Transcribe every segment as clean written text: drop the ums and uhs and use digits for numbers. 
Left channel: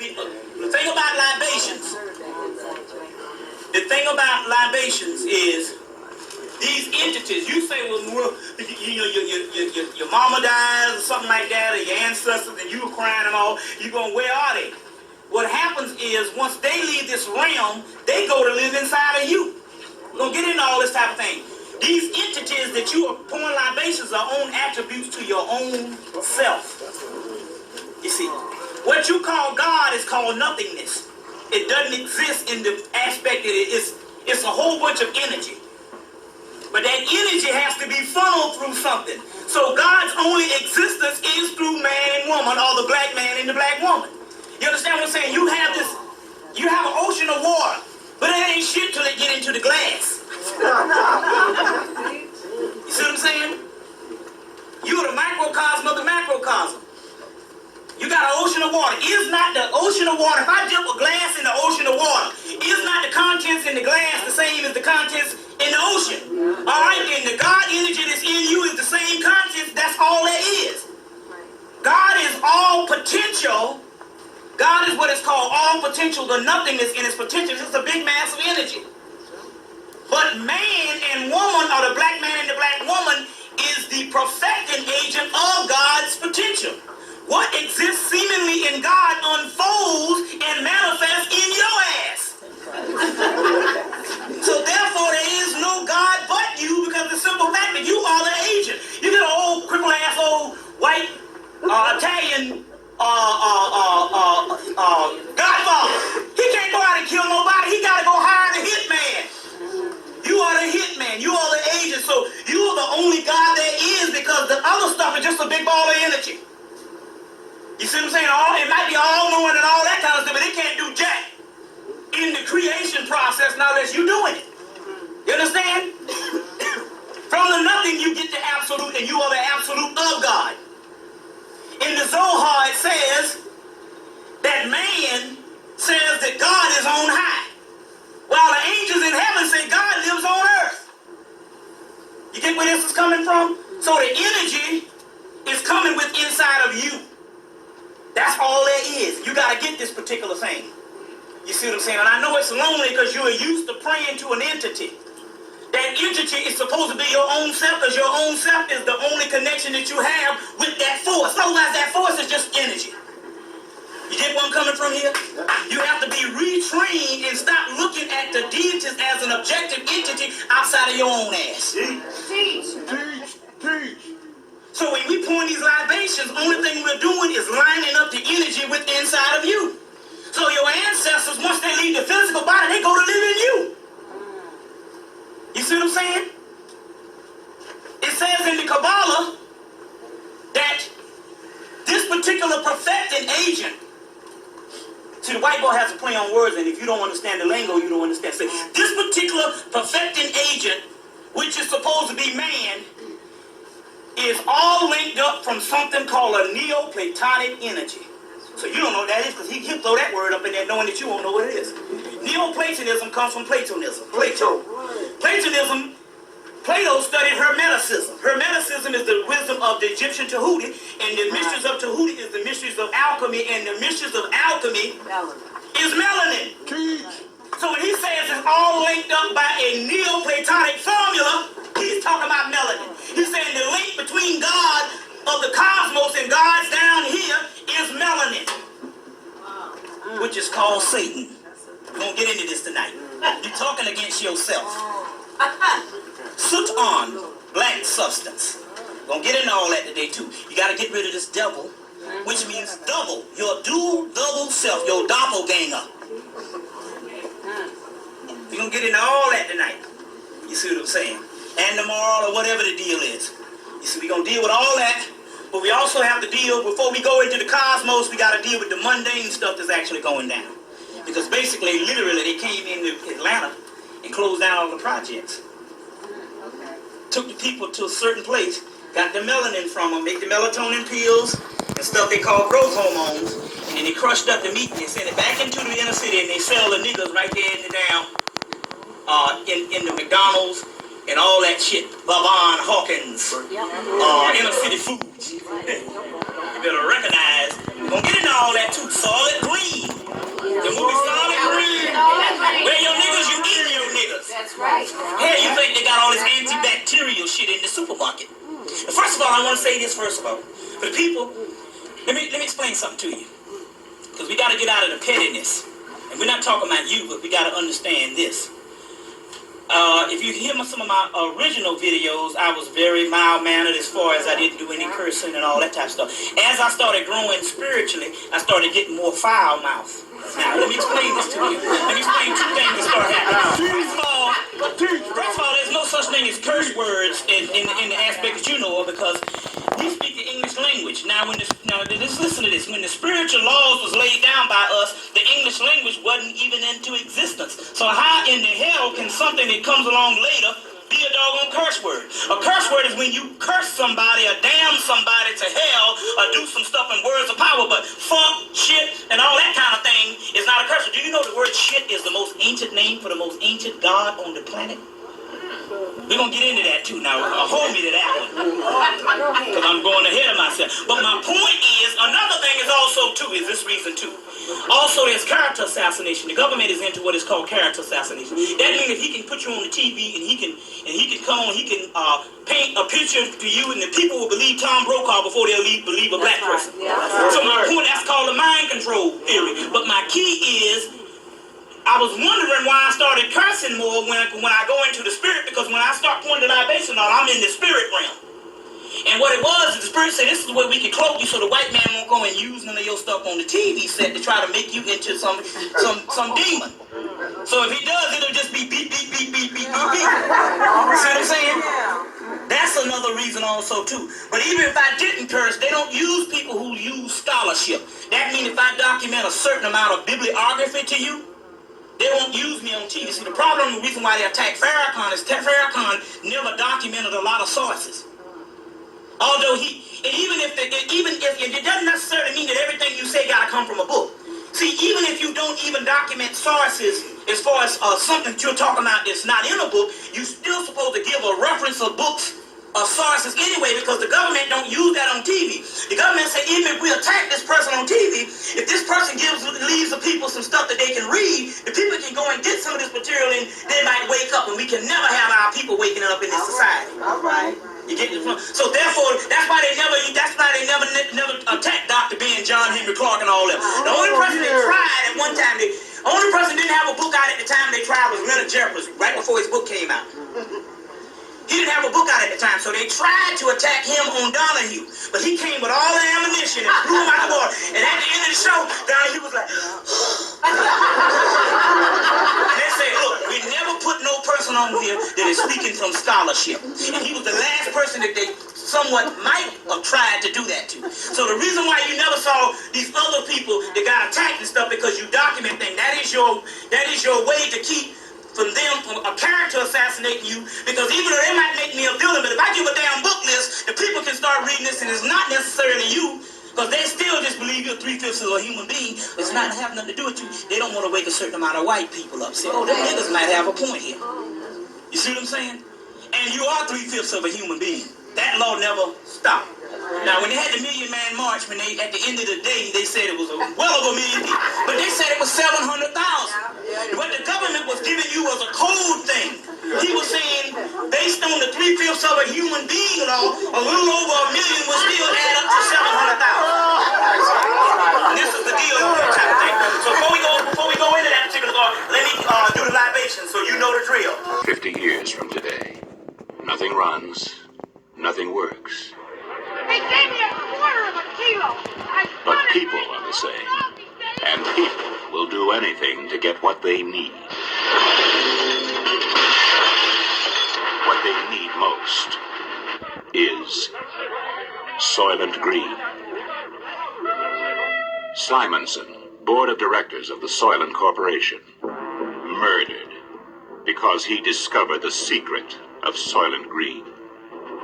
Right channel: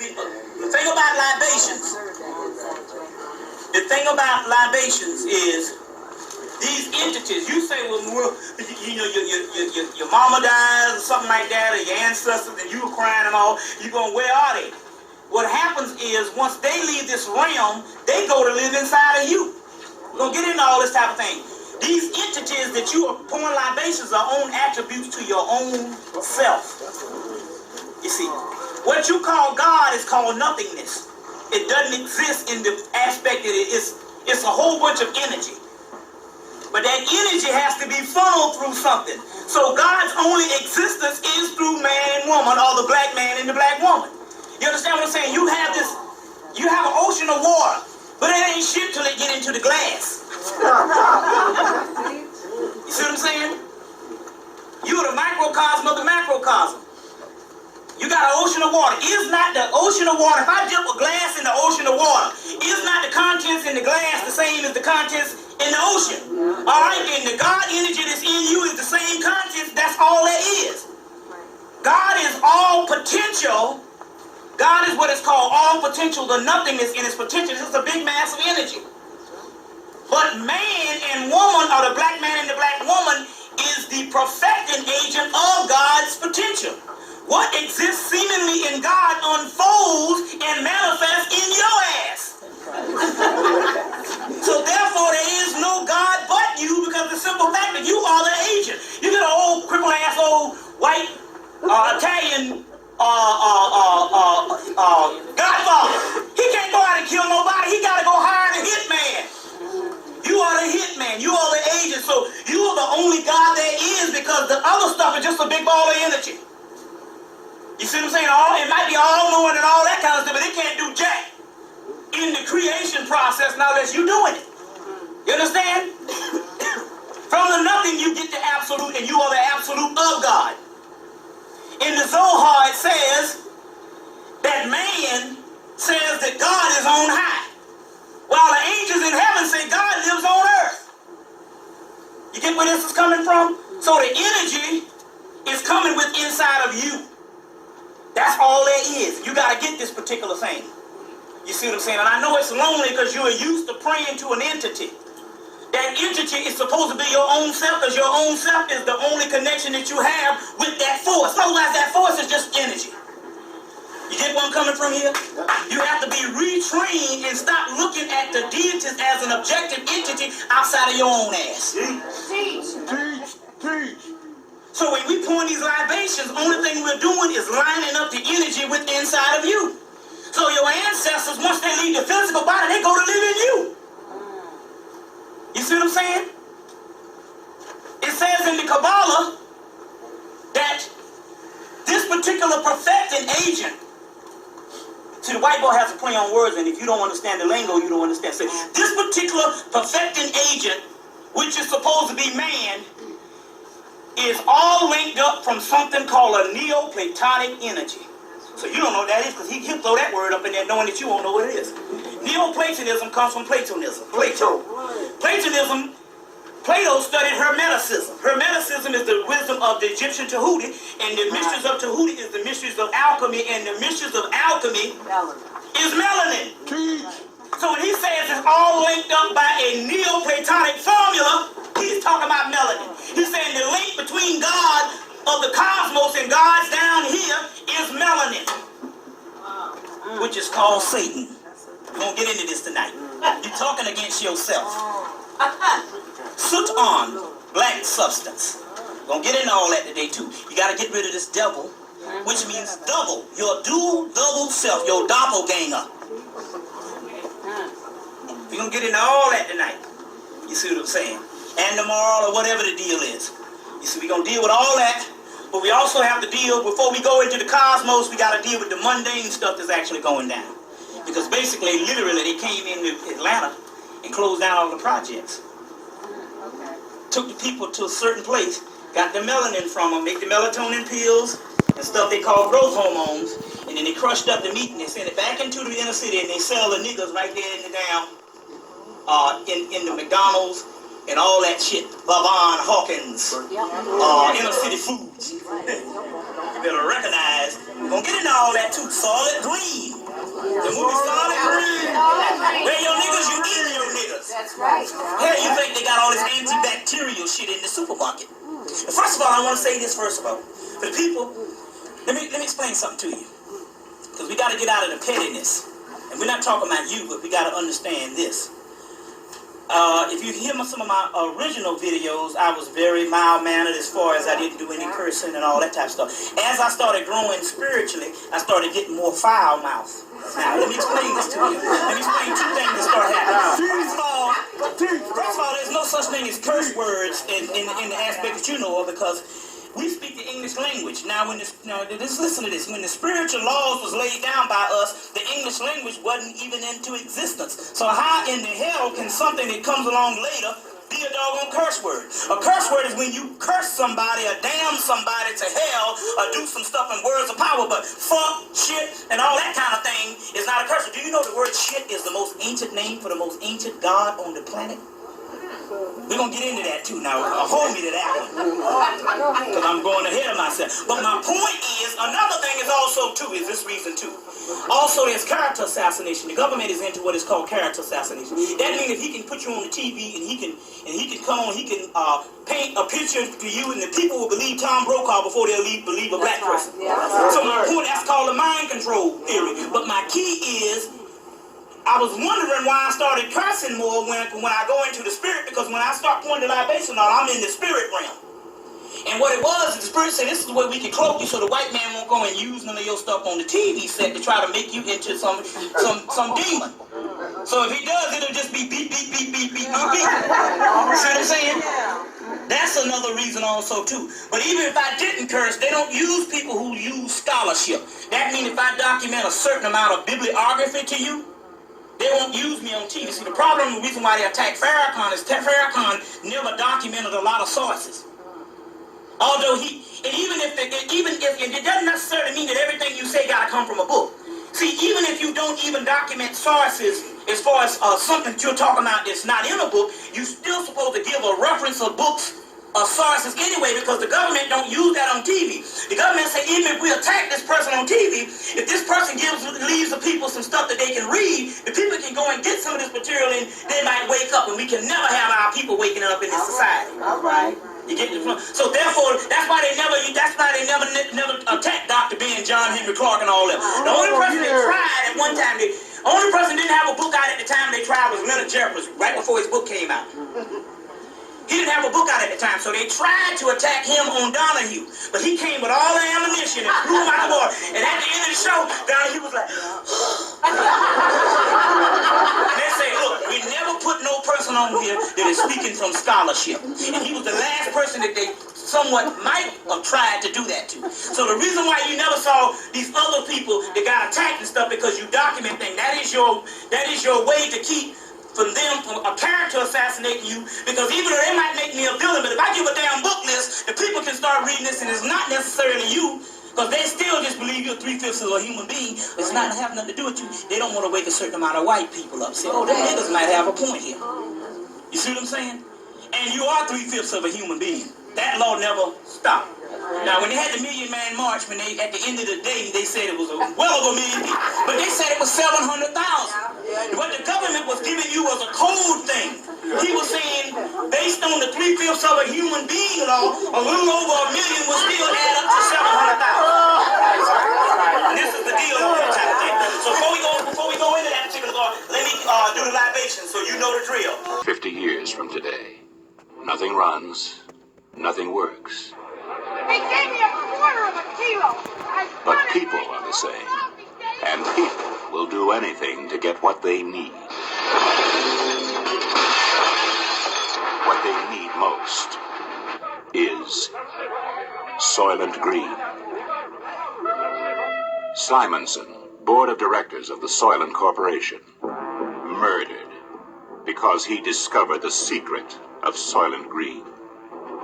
The thing about libations is these entities. You say, well, your mama dies or something like that, or your ancestors, and you were crying and all. You going, where are they? What happens is once they leave this realm, they go to live inside of you. We're gonna get into all this type of thing. These entities that you are pouring libations are own attributes to your own self. You see, what you call God is called nothingness. It doesn't exist in the aspect that it's a whole bunch of energy. But that energy has to be funneled through something. So God's only existence is through man and woman, or the black man and the black woman. You understand what I'm saying? You have an ocean of water, but it ain't shit till it get into the glass. You see what I'm saying? You're the microcosm of the macrocosm. You got an ocean of water. Is not the ocean of water, if I dip a glass in the ocean of water, is not the contents in the glass the same as the contents in the ocean? All right, then the God energy that's in you is the same contents. That's all there is. God is all potential. God is what is called all potential, the nothingness in its potential. It's a big mass of energy. But man and woman, or the black man and the black woman, is the perfecting agent of God's potential. What exists seemingly in God unfolds and manifests in your ass. So therefore there is no God but you, because the simple fact that you are the agent. You get an old crippled ass old white Italian Godfather. He can't go out and kill nobody. He got to go hire the hitman. You are the hitman. You are the agent. So you are the only God there is, because the other stuff is just a big ball of energy. You see what I'm saying? It might be all-knowing and all that kind of stuff, but it can't do jack in the creation process now unless you're doing it. You understand? From the nothing you get the absolute, and you are the absolute of God. In the Zohar it says that man says that God is on high, while the angels in heaven say God lives on earth. You get where this is coming from? So the energy is coming with inside of you. That's all there is. You got to get this particular thing. You see what I'm saying? And I know it's lonely because you are used to praying to an entity. That entity is supposed to be your own self, because your own self is the only connection that you have with that force. Otherwise, that force is just energy. You get where I'm coming from here? You have to be retrained and stop looking at the deities as an objective entity outside of your own ass. Teach. So when we pour these libations, only thing we're doing is lining up the energy with inside of you. So your ancestors, once they leave the physical body, they go to live in you. You see what I'm saying? It says in the Kabbalah that this particular perfecting agent, see, the white boy has to play on words, and if you don't understand the lingo, you don't understand. So this particular perfecting agent, which is supposed to be man, is all linked up from something called a Neoplatonic energy. So you don't know what that is, because he can throw that word up in there knowing that you won't know what it is. Neoplatonism comes from Platonism. Plato studied Hermeticism. Hermeticism is the wisdom of the Egyptian Tahuti, and the mysteries of Tahuti is the mysteries of alchemy, and the mysteries of alchemy is melanin. So when he says it's all linked up by a Neoplatonic formula, he's talking about melanin. He's saying the link between God of the cosmos and God's down here is melanin, which is called Satan. We won't get into this tonight. You're talking against yourself. Soot on, black substance. Gonna get into all that today too. You gotta get rid of this devil, which means double. Your double self, your doppelganger. We're gonna get into all that tonight. You see what I'm saying? And the moral, or whatever the deal is. You see, we're gonna deal with all that, but we also have to deal, before we go into the cosmos, we gotta deal with the mundane stuff that's actually going down. Because basically, literally, they came into Atlanta and closed down all the projects. Took the people to a certain place, got the melanin from them, make the melatonin pills and stuff they call growth hormones, and then they crushed up the meat and they sent it back into the inner city, and they sell the niggas right there in the down, in the McDonald's and all that shit. Vavon Hawkins, inner city foods. You better recognize. We're gonna get into all that too. Solid green. right. Here you think they got all this antibacterial shit in the supermarket. First of all, I want to say this first of all. For the people, let me explain something to you. Because we got to get out of the pettiness. And we're not talking about you, but we got to understand this. If you hear some of my original videos, I was very mild-mannered as far as I didn't do any cursing and all that type of stuff. As I started growing spiritually, I started getting more foul mouth. Now, let me explain this to you. Let me explain two things that start happening. First of all, there's no such thing as curse words in the aspect that you know of, because we speak the English language. Now, just listen to this. When the spiritual laws was laid down by us, the English language wasn't even into existence. So how in the hell can something that comes along later be a doggone curse word? A curse word is when you curse somebody or damn somebody to hell or do some stuff in words of power, but fuck, shit, and all that kind of thing is not a curse word. Do you know the word shit is the most ancient name for the most ancient god on the planet? We're going to get into that too now. Hold me to that one. Because I'm going ahead of myself. But my point is, another thing is also too, is this reason too. Also, there's character assassination. The government is into what is called character assassination. That means if he can put you on the TV and he can come on, he can paint a picture to you, and the people will believe Tom Brokaw before they'll believe a black person. So my point, that's called the mind control theory. But my key is, I was wondering why I started cursing more when I go into the spirit, because when I start pouring the libation on, I'm in the spirit realm. And what it was, the spirit said, this is where we can cloak you so the white man won't go and use none of your stuff on the TV set to try to make you into some demon. So if he does, it'll just be beep, beep, beep, beep, beep, beep, beep. See what I'm saying? That's another reason also too. But even if I didn't curse, they don't use people who use scholarship. That means if I document a certain amount of bibliography to you, they won't use me on TV. See, the problem, the reason why they attack Farrakhan is Farrakhan never documented a lot of sources. Although even if it doesn't necessarily mean that everything you say got to come from a book. See, even if you don't even document sources as far as something that you're talking about that's not in a book, you're still supposed to give a reference of books or sources anyway, because the government don't use that on TV. The government say, even if we attack this person on TV, if this person leaves the people some stuff that they can read, the people can go and get some of this material and they might wake up, and we can never have our people waking up in this society. All right. You get it? So therefore, that's why they never attacked Dr. Ben, John Henry Clark, and all that. The only person they tried at one time, the only person didn't have a book out at the time they tried was Leonard Jeffers, right before his book came out. He didn't have a book out at the time, so they tried to attack him on Donahue. But he came with all the ammunition and blew him out the water. And at the end of the show, Donahue was like, and they say, look, we never put no person on here that is speaking from scholarship. And he was the last person that they somewhat might have tried to do that to. So the reason why you never saw these other people that got attacked and stuff, because you document things. That is your way to keep from a character assassinating you, because even though they might make me a villain, but if I give a damn book list, the people can start reading this, and it's not necessarily you, because they still just believe you're 3/5 of a human being. It's not have nothing to do with you. They don't want to wake a certain amount of white people up. Say, oh, them niggas might have a point here. You see what I'm saying? And you are 3/5 of a human being. That law never stopped. Now, when they had the Million Man March, at the end of the day, they said it was well over 1 million people. But they said it was 700,000. What the government was giving you was a code thing. He was saying, based on the 3/5 of a human being law, a little over 1 million would still add up to 700,000. This is the deal with that type of thing. So before we go into that particular law, let me do the libation so you know the drill. 50 years from today, nothing runs, nothing works. They gave me a quarter of a kilo. But people are the same. And people will do anything to get what they need. What they need most is Soylent Green. Simonson, board of directors of the Soylent Corporation, murdered because he discovered the secret of Soylent Green.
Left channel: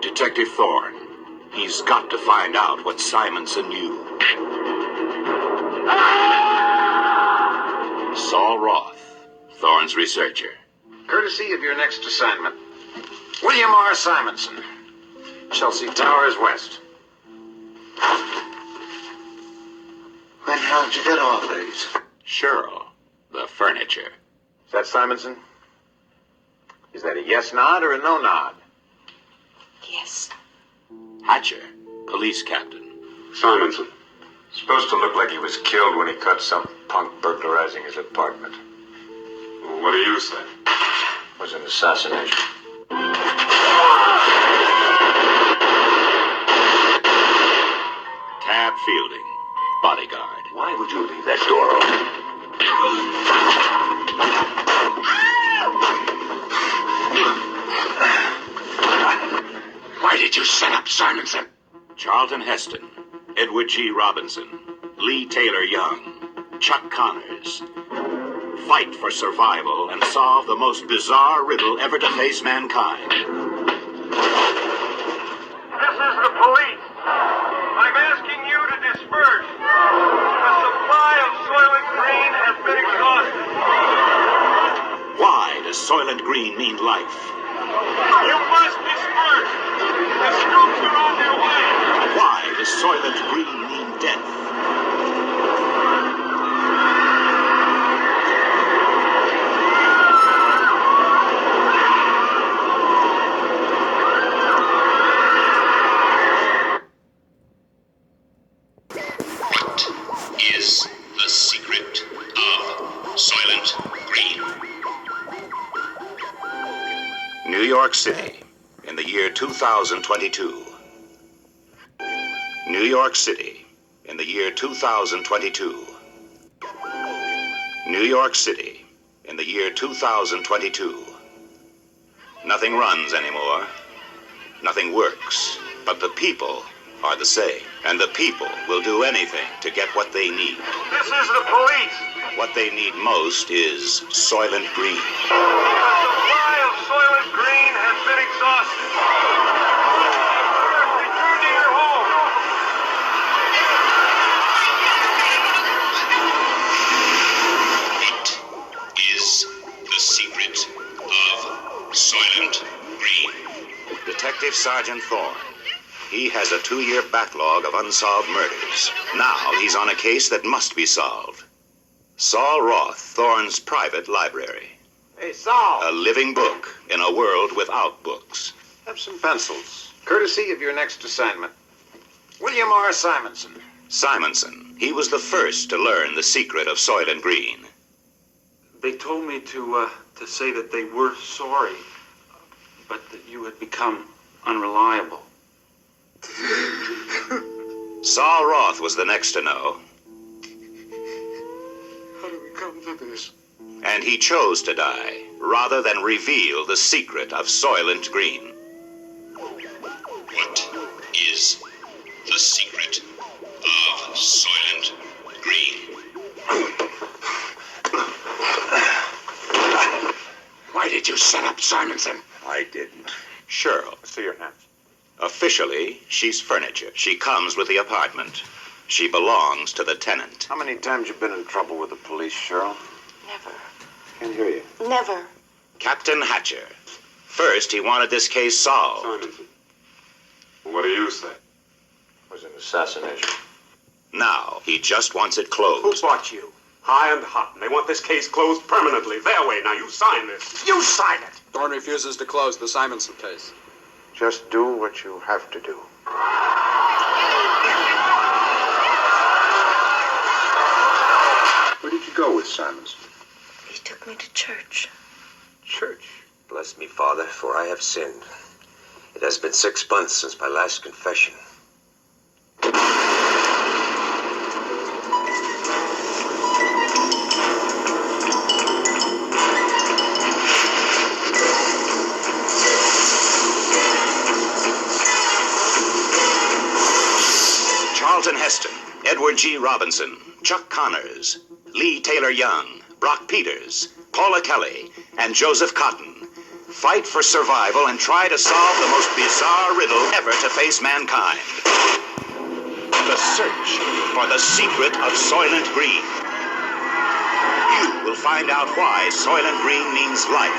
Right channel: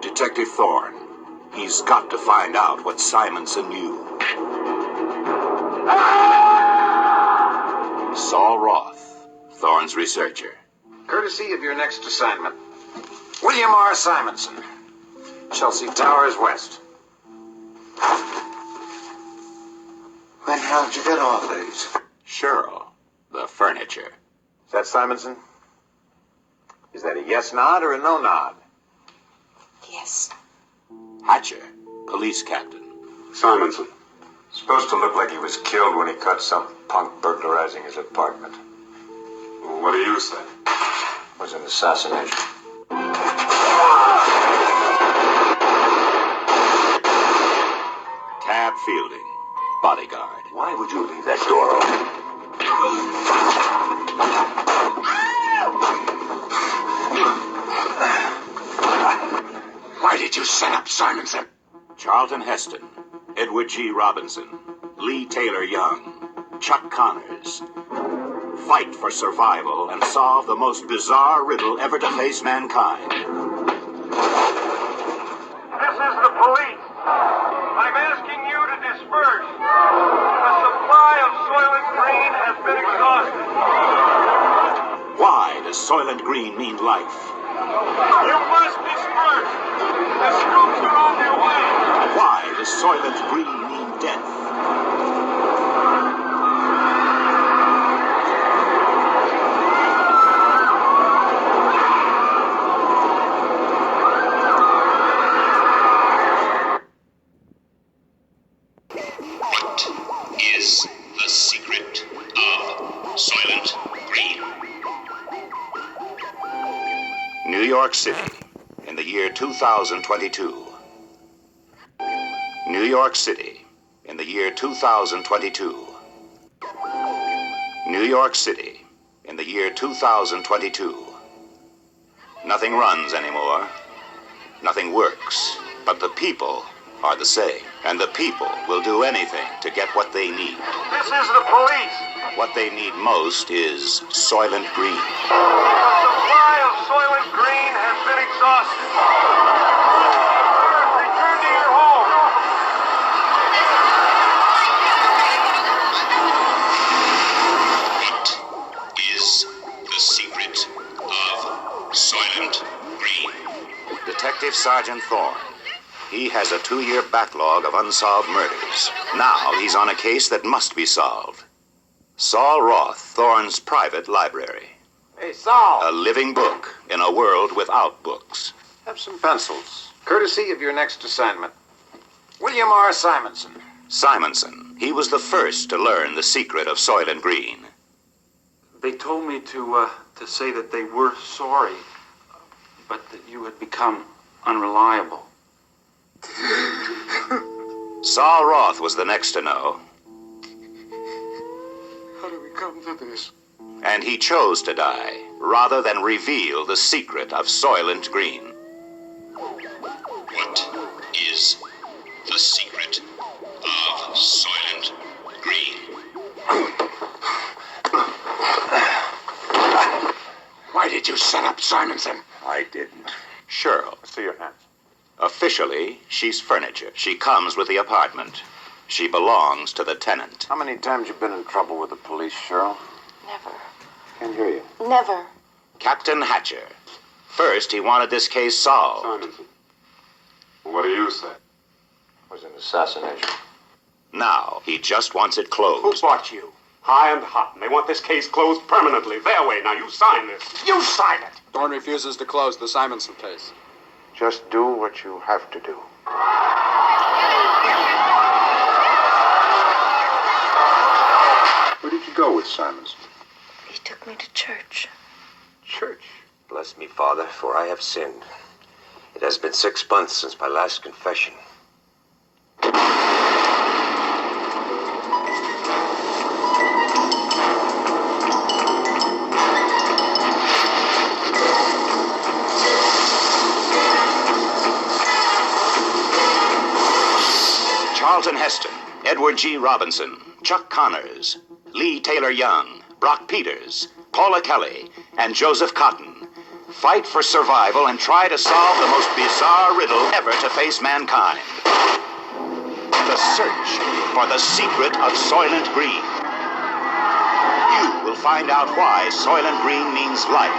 Detective Thorne, he's got to find out what Simonson knew. Saul Roth, Thorne's researcher. Courtesy of your next assignment, William R. Simonson, Chelsea Towers West. When how did you get all these? Cheryl, the furniture. Is that Simonson? Is that a yes nod or a no nod? Yes. Hatcher, police captain. Simonson. Supposed to look like he was killed when he caught some punk burglarizing his apartment. Well, what do you say? It was an assassination. Tab Fielding, bodyguard. Why would you leave that door open? Why did you set up Simonson? Charlton Heston, Edward G. Robinson, Lee Taylor Young, Chuck Connors. Fight for survival and solve the most bizarre riddle ever to face mankind. This is the police. I'm asking you to disperse. The supply of Soylent Green has been exhausted. Why does Soylent Green mean life? You must disperse. The scoops are on their way. Why does Soylent Green mean death? What is the secret of Soylent Green? New York City, in the year 2022. New York City, in the year 2022. New York City, in the year 2022. Nothing runs anymore. Nothing works. But the people are the same. And the people will do anything to get what they need. This is the police. What they need most is Soylent Green. The supply of Soylent Green has been exhausted. Return to your home. What is the secret of Soylent Green? Detective Sergeant Thorne. He has a 2-year backlog of unsolved murders. Now he's on a case that must be solved. Saul Roth, Thorne's private library. Hey, Saul. A living book in a world without books. Have some pencils. Courtesy of your next assignment. William R. Simonson. Simonson. He was the first to learn the secret of Soylent Green. They told me to say that they were sorry, but that you had become unreliable. Saul Roth was the next to know. How do we come to this? And he chose to die, rather than reveal the secret of Soylent Green. What is the secret of Soylent Green? Why did you set up Simonson? I didn't. Cheryl. See your hands. Officially, she's furniture. She comes with the apartment. She belongs to the tenant. How many times you been in trouble with the police, Cheryl? Never. Can't hear you. Never. Captain Hatcher. First, he wanted this case solved. Simonson. What do you say? It was an assassination. Now, he just wants it Who closed. bought you? High and hot, and they want this case closed permanently. Their way. Now you sign this. You sign it! Thorne refuses to close the Simonson case. Just do what you have to do. Where did you go with Simonson? He took me to church. Church. Bless me, Father, for I have sinned. It has been 6 months since my last confession. Charlton Heston, Edward G. Robinson, Chuck Connors, Lee Taylor Young, Brock Peters, Paula Kelly, and Joseph Cotton fight for survival and try to solve the most bizarre riddle ever to face mankind. The search for the secret of Soylent Green. You will find out why Soylent Green means life.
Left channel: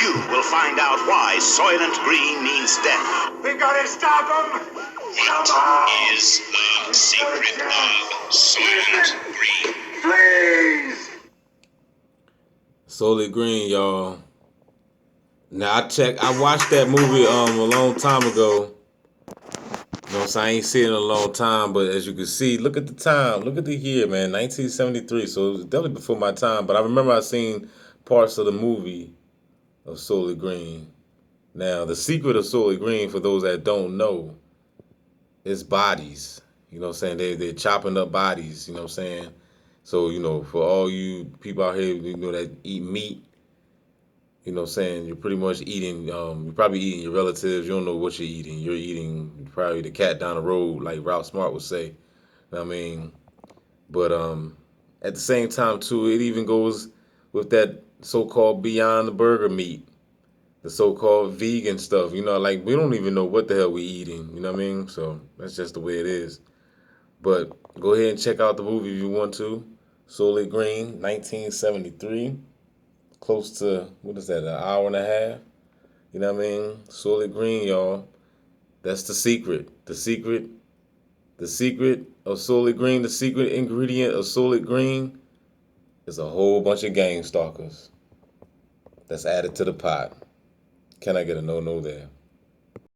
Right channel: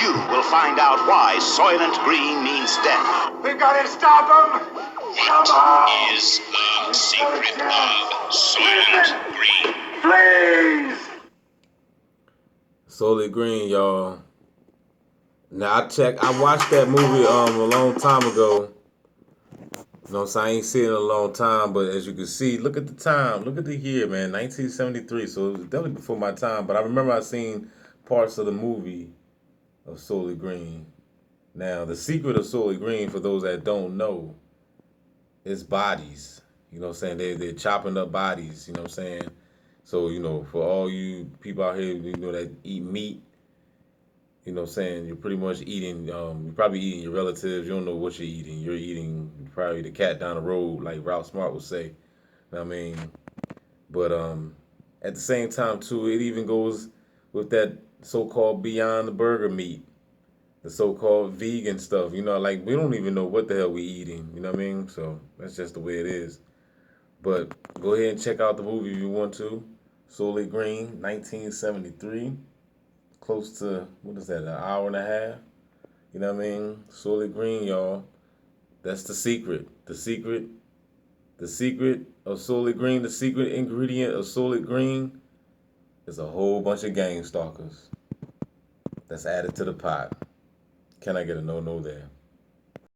You will find out why Soylent Green means death. We gotta stop him! What is the secret of Soylent Green? Please! Soylent Green, y'all. Now I watched that movie a long time ago. You know what I'm saying? I ain't seen it in a long time, but as you can see, look at the time. Look at the year, man. 1973. So it was definitely before my time. But I remember I seen parts of the movie of Soylent Green. Now, the secret of Soylent Green, for those that don't know, is bodies. You know what I'm saying? They're chopping up bodies. You know what I'm saying? So, for all you people out here, that eat meat, you know what I'm saying? You're pretty much eating, you're probably eating your relatives. You don't know what you're eating. You're eating probably the cat down the road, like Ralph Smart would say. You know what I mean? But at the same time, too, it even goes with that so-called Beyond the Burger meat, the so-called vegan stuff. Like we don't even know what the hell we eating. You know what I mean? So that's just the way it is. But go ahead and check out the movie if you want to. Soylent Green, 1973. Close to, what is that, an hour and a half? You know what I mean? Soylent Green, y'all. That's the secret. The secret of Soylent Green, the secret ingredient of Soylent Green is a whole bunch of gang stalkers that's added to the pot. Can I get a no-no there?